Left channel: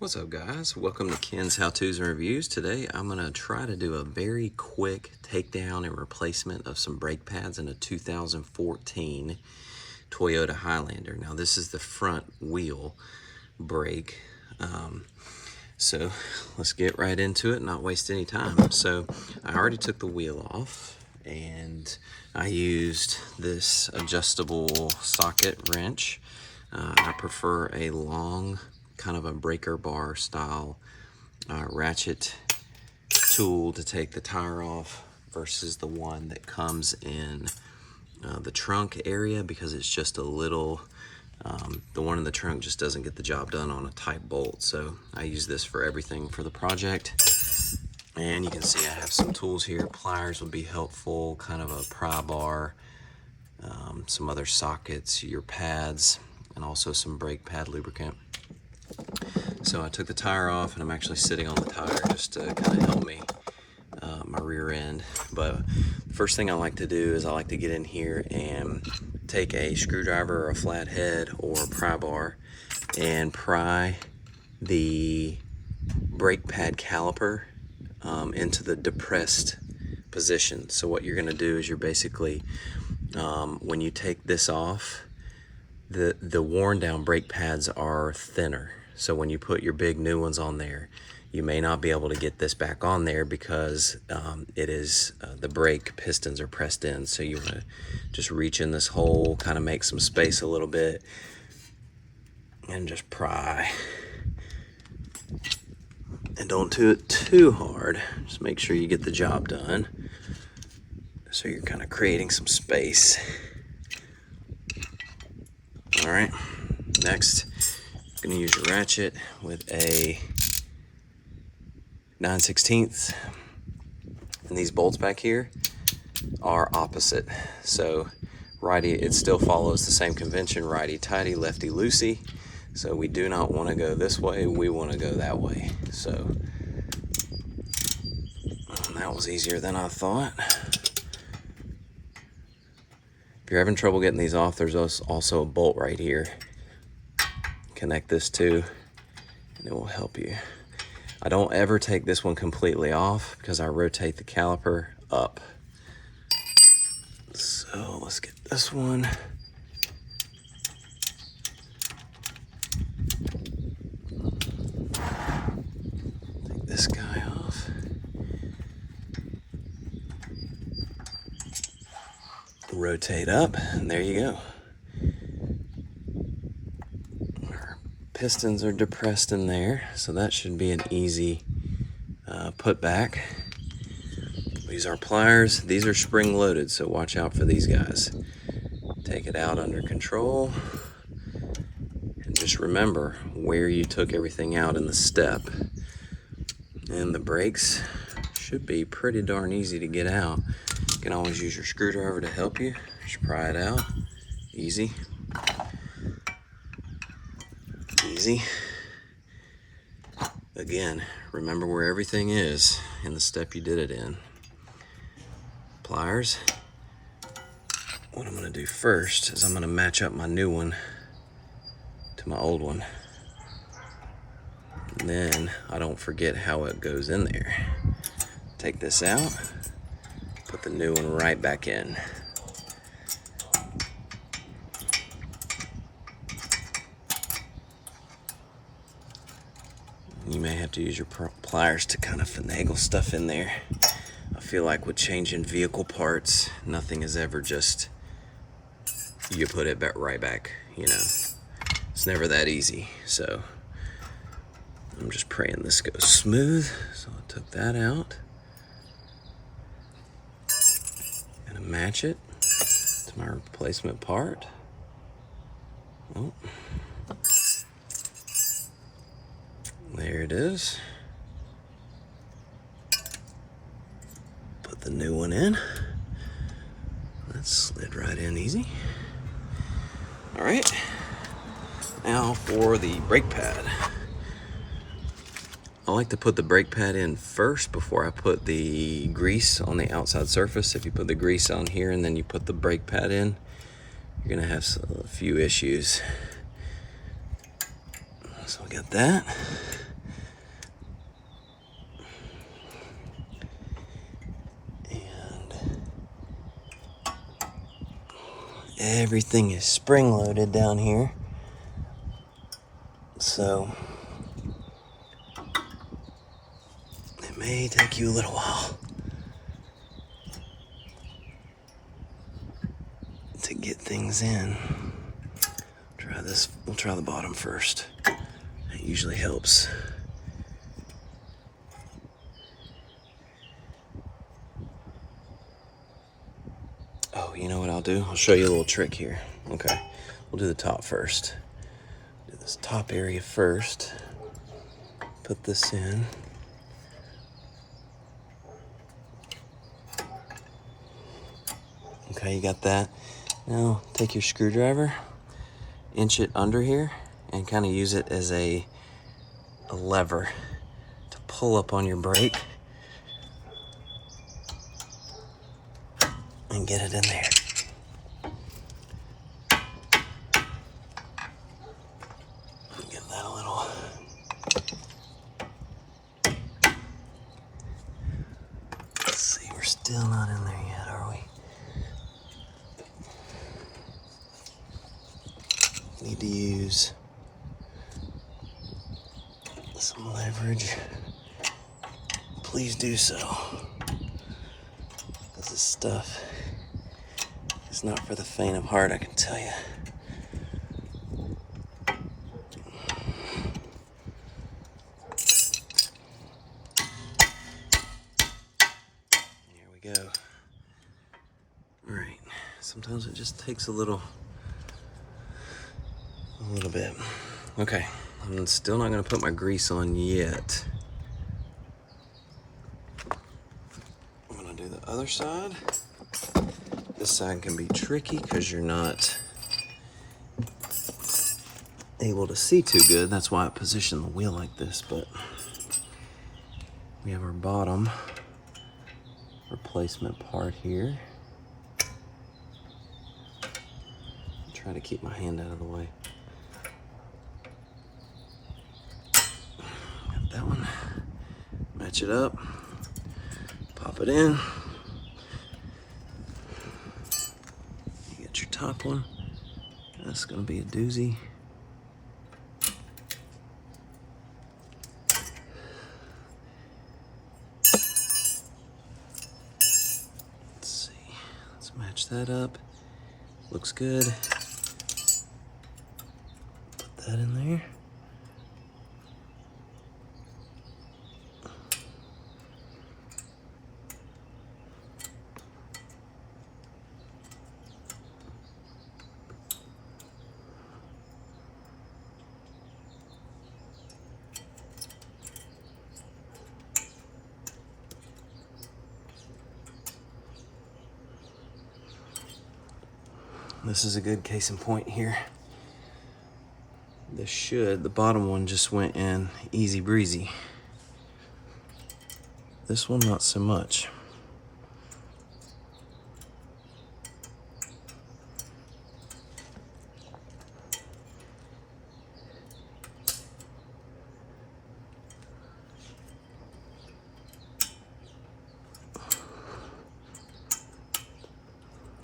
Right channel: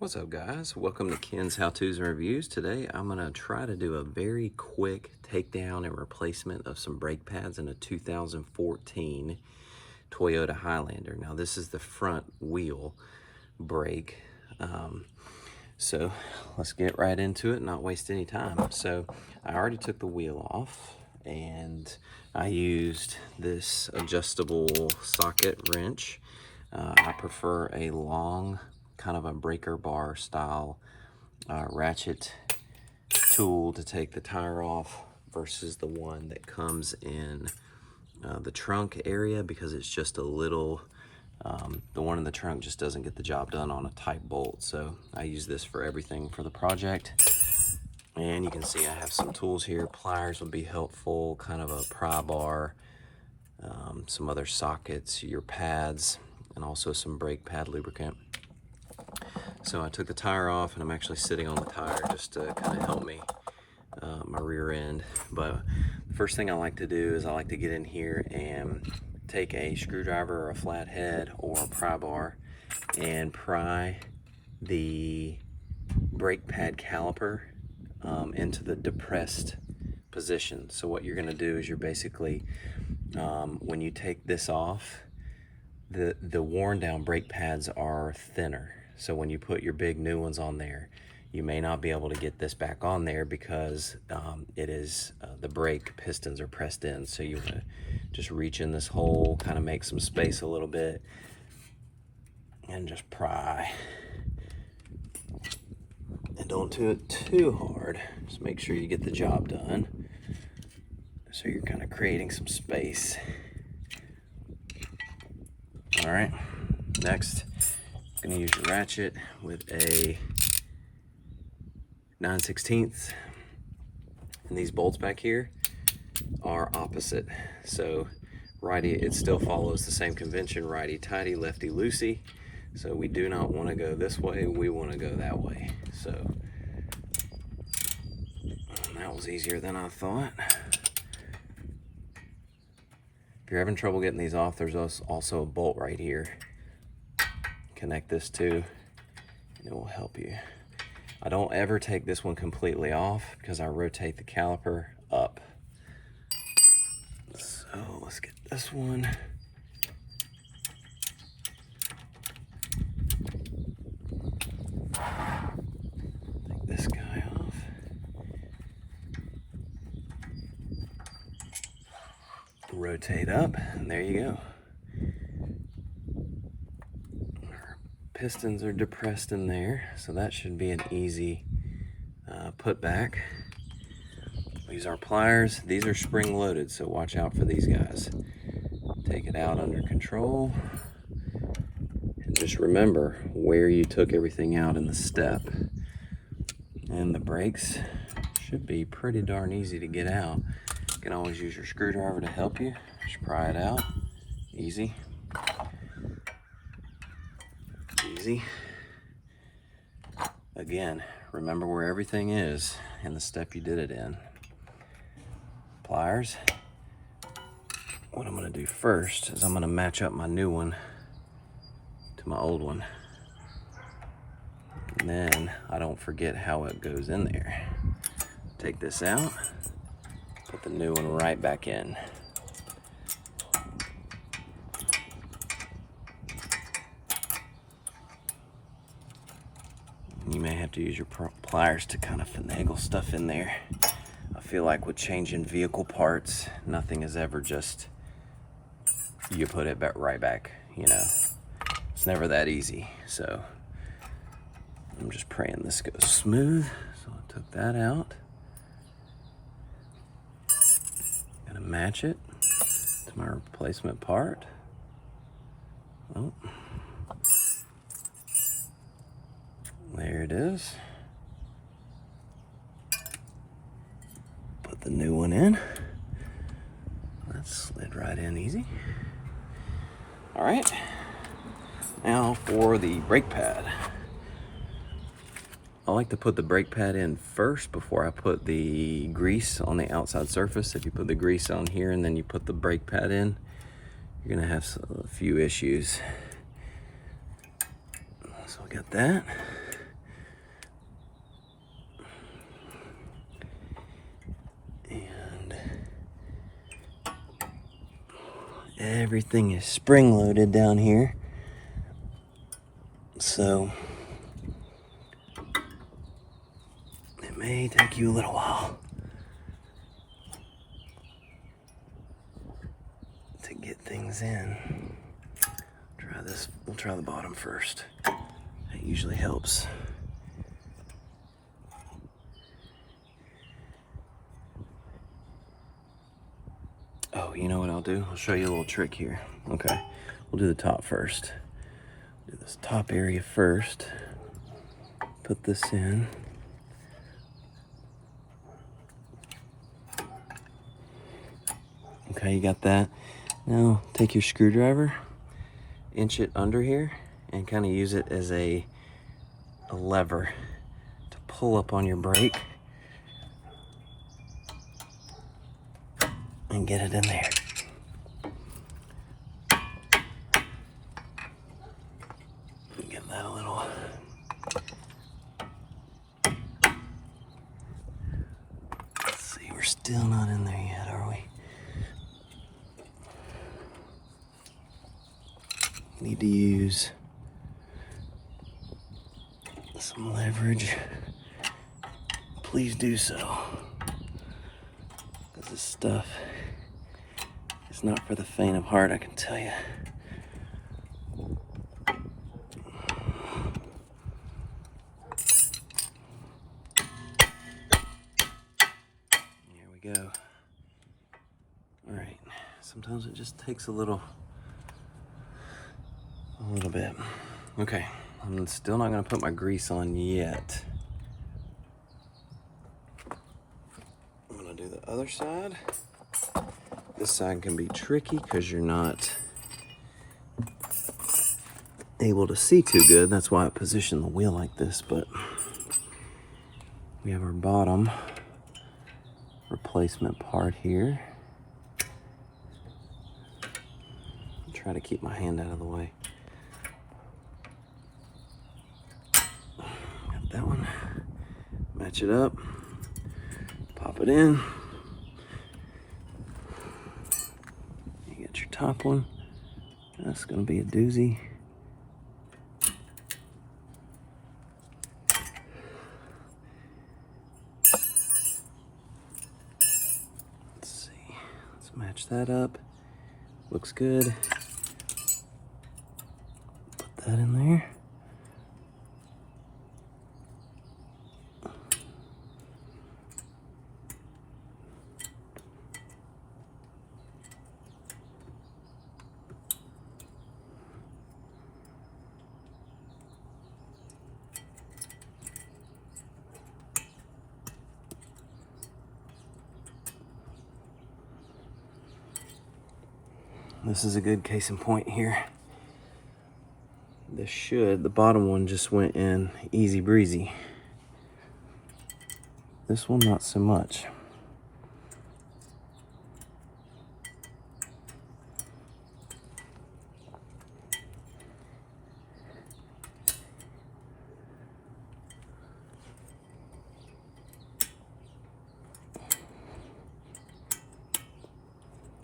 What's up, guys? Welcome to Ken's How-Tos and Reviews. Today I'm going to try to do a very quick takedown and replacement of some brake pads in a 2014 Toyota Highlander. Now this is the front wheel brake. So let's get right into it and not waste any time. So I already took the wheel off and I used this adjustable socket wrench. I prefer a long kind of a breaker bar style ratchet tool to take the tire off versus the one that comes in the trunk area, because it's just a little, the one in the trunk just doesn't get the job done on a tight bolt. So I use this for everything for the project. And you can see I have some tools here. Pliers would be helpful, kind of a pry bar, some other sockets, your pads, and also some brake pad lubricant. So I took the tire off and I'm actually sitting on the tire just to kind of help me, my rear end. But the first thing I like to do is I like to get in here and take a screwdriver or a flathead or a pry bar and pry the brake pad caliper into the depressed position. So what you're going to do is you're basically, when you take this off, the worn down brake pads are thinner. So when you put your big new ones on there, you may not be able to get this back on there because it is the brake pistons are pressed in. So you want to just reach in this hole, kind of make some space a little bit, and just pry. And don't do it too hard. Just make sure you get the job done. So you're kind of creating some space. All right, next, I'm gonna use your ratchet with a 9/16. And these bolts back here are opposite. So righty, it still follows the same convention, righty tighty, lefty loosey. So we do not want to go this way, we want to go that way. So that was easier than I thought. If you're having trouble getting these off, there's also a bolt right here. Connect this to, and it will help you. I don't ever take this one completely off because I rotate the caliper up. So let's get this one. Take this guy off. Rotate up, and there you go. Our pistons are depressed in there, so that should be an easy put back. We use our pliers. These are spring loaded, so watch out for these guys. Take it out under control, and just remember where you took everything out in the step. And the brakes should be pretty darn easy to get out. You can always use your screwdriver to help you. Just pry it out. Easy. Easy. Again, remember where everything is in the step you did it in. Pliers. What I'm going to do first is I'm going to match up my new one to my old one. And then I don't forget how it goes in there. Take this out. Put the new one right back in. You may have to use your pliers to kind of finagle stuff in there. I feel like with changing vehicle parts, nothing is ever just, you put it back right back, you know. It's never that easy. So I'm just praying this goes smooth. So I took that out. Gonna match it to my replacement part. Oh. There it is. Put the new one in. That slid right in easy. All right. Now for the brake pad. I like to put the brake pad in first before I put the grease on the outside surface. If you put the grease on here and then you put the brake pad in, you're gonna have a few issues. So we got that. Everything is spring loaded down here, so it may take you a little while to get things in. Try this. We'll try the bottom first. That usually helps. Oh, you know what I'll do? I'll show you a little trick here. Okay, we'll do the top first. Do this top area first. Put this in. Okay, you got that? Now take your screwdriver, inch it under here, and kind of use it as a lever to pull up on your brake and get it in there. Get that a little. Let's see, we're still not in there yet, are we? Need to use some leverage. Please do so. This stuff is not for the faint of heart, I can tell you. Here we go. All right. Sometimes it just takes a little bit. Okay. I'm still not going to put my grease on yet. I'm going to do the other side. This side can be tricky because you're not able to see too good. That's why I positioned the wheel like this, but we have our bottom replacement part here. Try to keep my hand out of the way. Got that one. Match it up. Pop it in. Get your top one. That's gonna be a doozy. Let's see. Let's match that up. Looks good. Put that in there. This is a good case in point here. The bottom one just went in easy breezy. This one, not so much.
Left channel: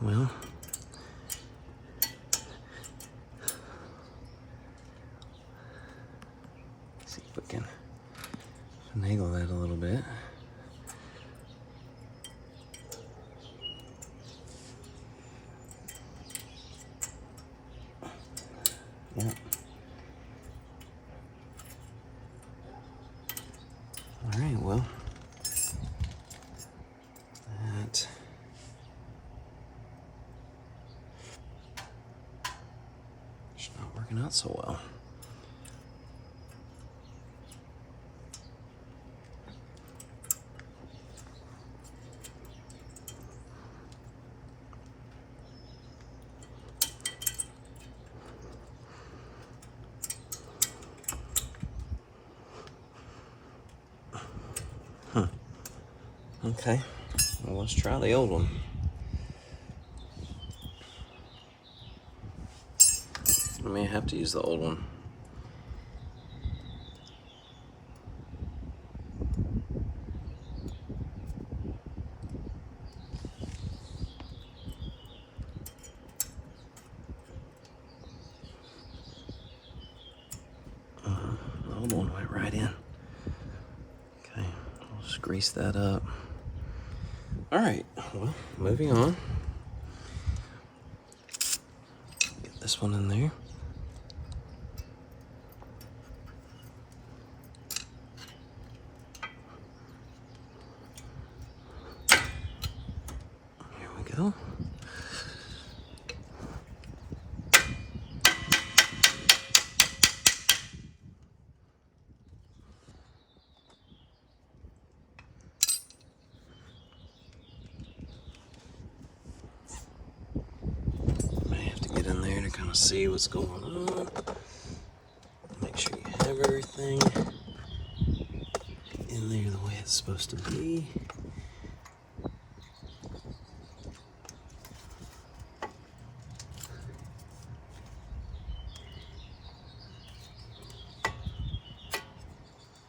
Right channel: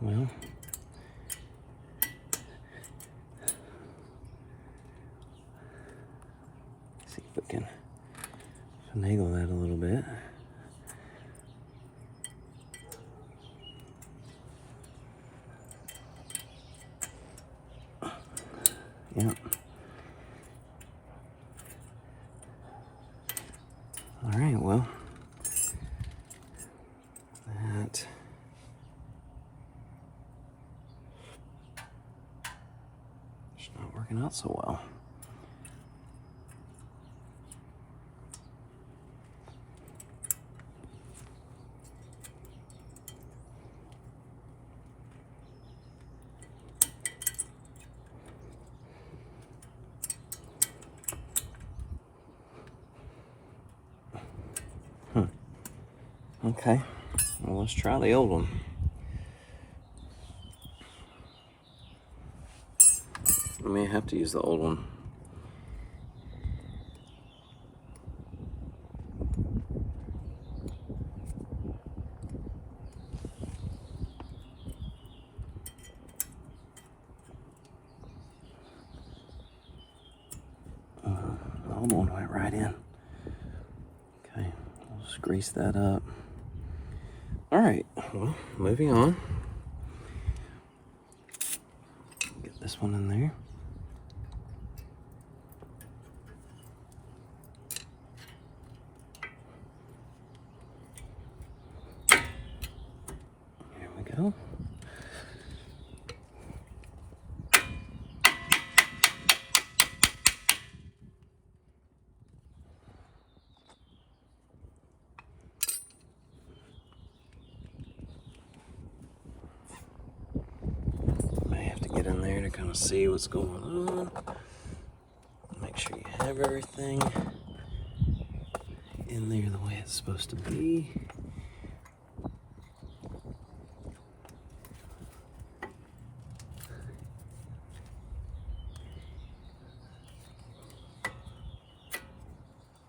Well, see if we can finagle that a little bit. Yep. All right, well, that is not working out so well. Okay, well, let's try the old one. I may have to use the old one. old one went right in. Okay, we'll just grease that up. All right, well, moving on. Get this one in there. Here we go. Get in there to kind of see what's going on. Make sure you have everything in there the way it's supposed to be.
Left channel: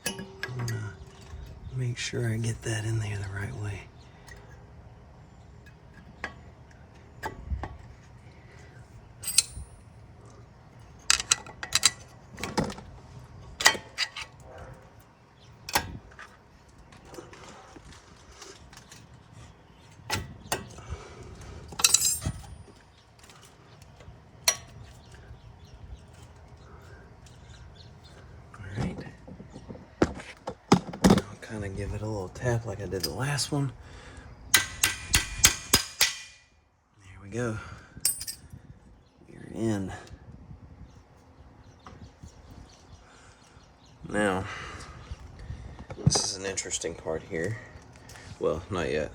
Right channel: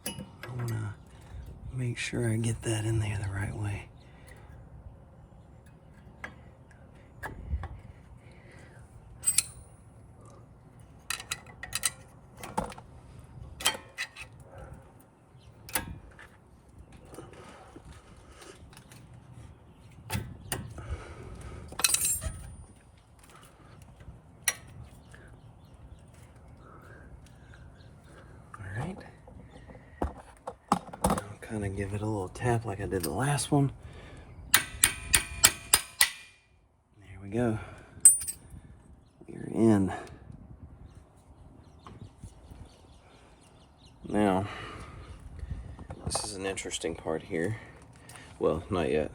I'm gonna make sure I get that in there the right way. Kind of give it a little tap like I did the last one. There we go. We're in. Now, this is an interesting part here. Well, not yet.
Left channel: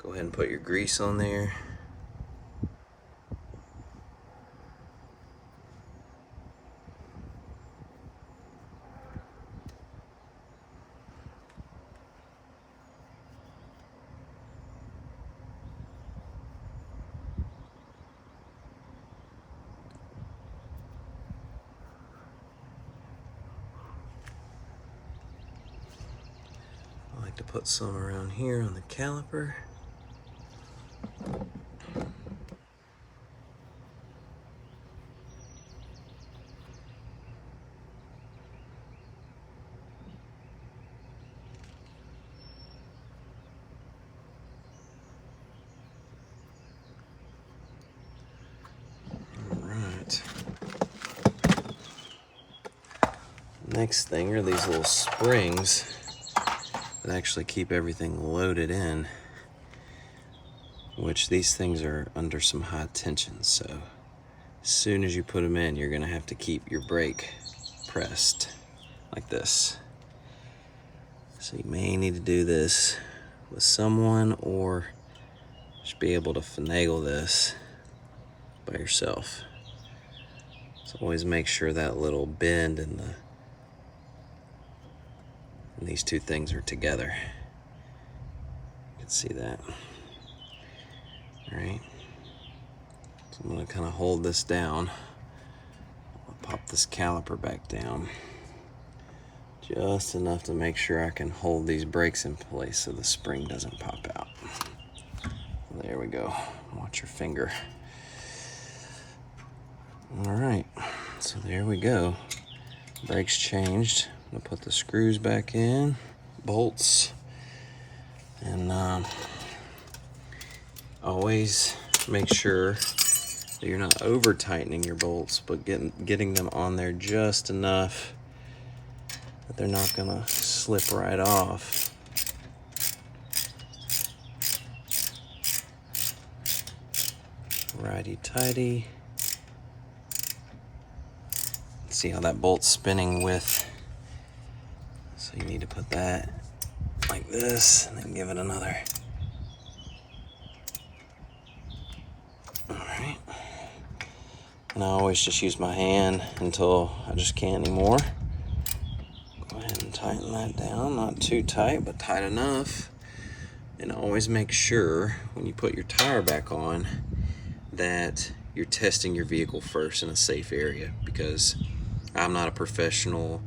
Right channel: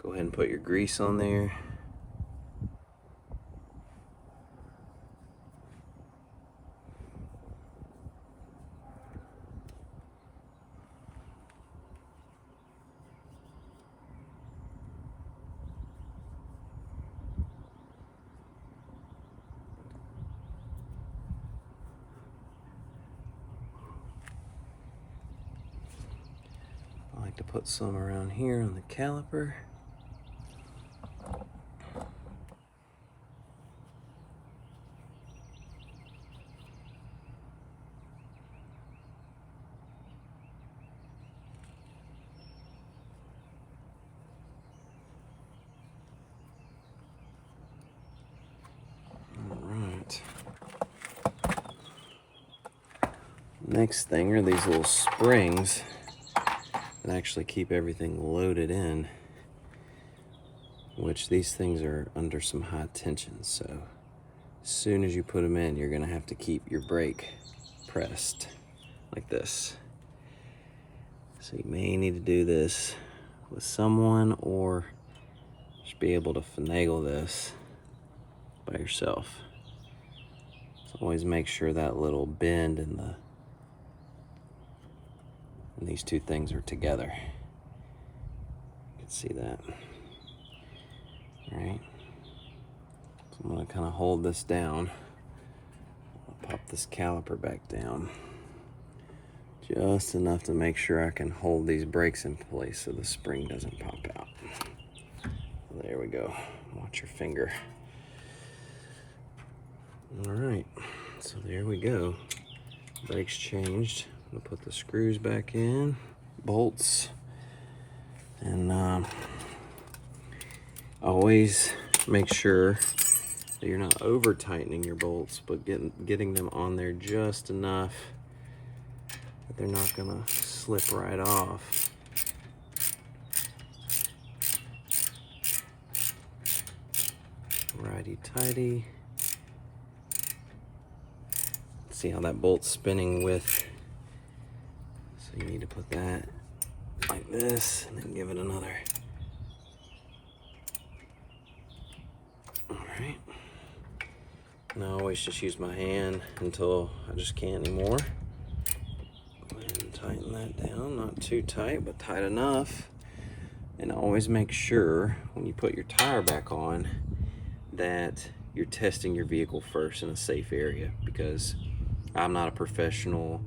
Go ahead and put your grease on there. I like to put some around here on the caliper. Next thing are these little springs that actually keep everything loaded in, which these things are under some high tension, so as soon as you put them in, you're gonna have to keep your brake pressed like this. So you may need to do this with someone or just be able to finagle this by yourself. So always make sure that little bend in these two things are together. You can see that. All right. So I'm gonna kind of hold this down. I'll pop this caliper back down just enough to make sure I can hold these brakes in place so the spring doesn't pop out. There we go. Watch your finger. All right, so there we go. Brakes changed. I'm gonna put the screws back in, bolts, and always make sure that you're not over tightening your bolts, but getting them on there just enough that they're not gonna slip right off. Righty-tighty. See how that bolt's spinning with, so you need to put that like this and then give it another. All right. And I always just use my hand until I just can't anymore. Go ahead and tighten that down, not too tight, but tight enough. And always make sure when you put your tire back on that you're testing your vehicle first in a safe area, because I'm not a professional.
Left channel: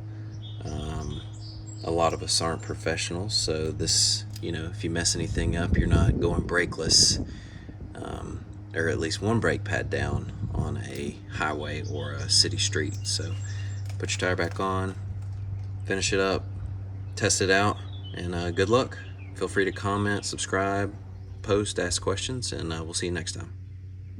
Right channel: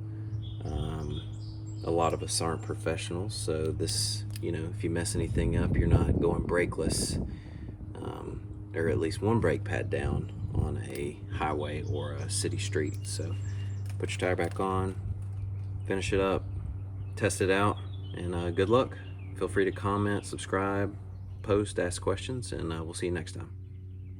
A lot of us aren't professionals, so this, if you mess anything up, you're not going brakeless, or at least one brake pad down on a highway or a city street. So put your tire back on, finish it up, test it out, and good luck. Feel free to comment, subscribe, post, ask questions, and we'll see you next time.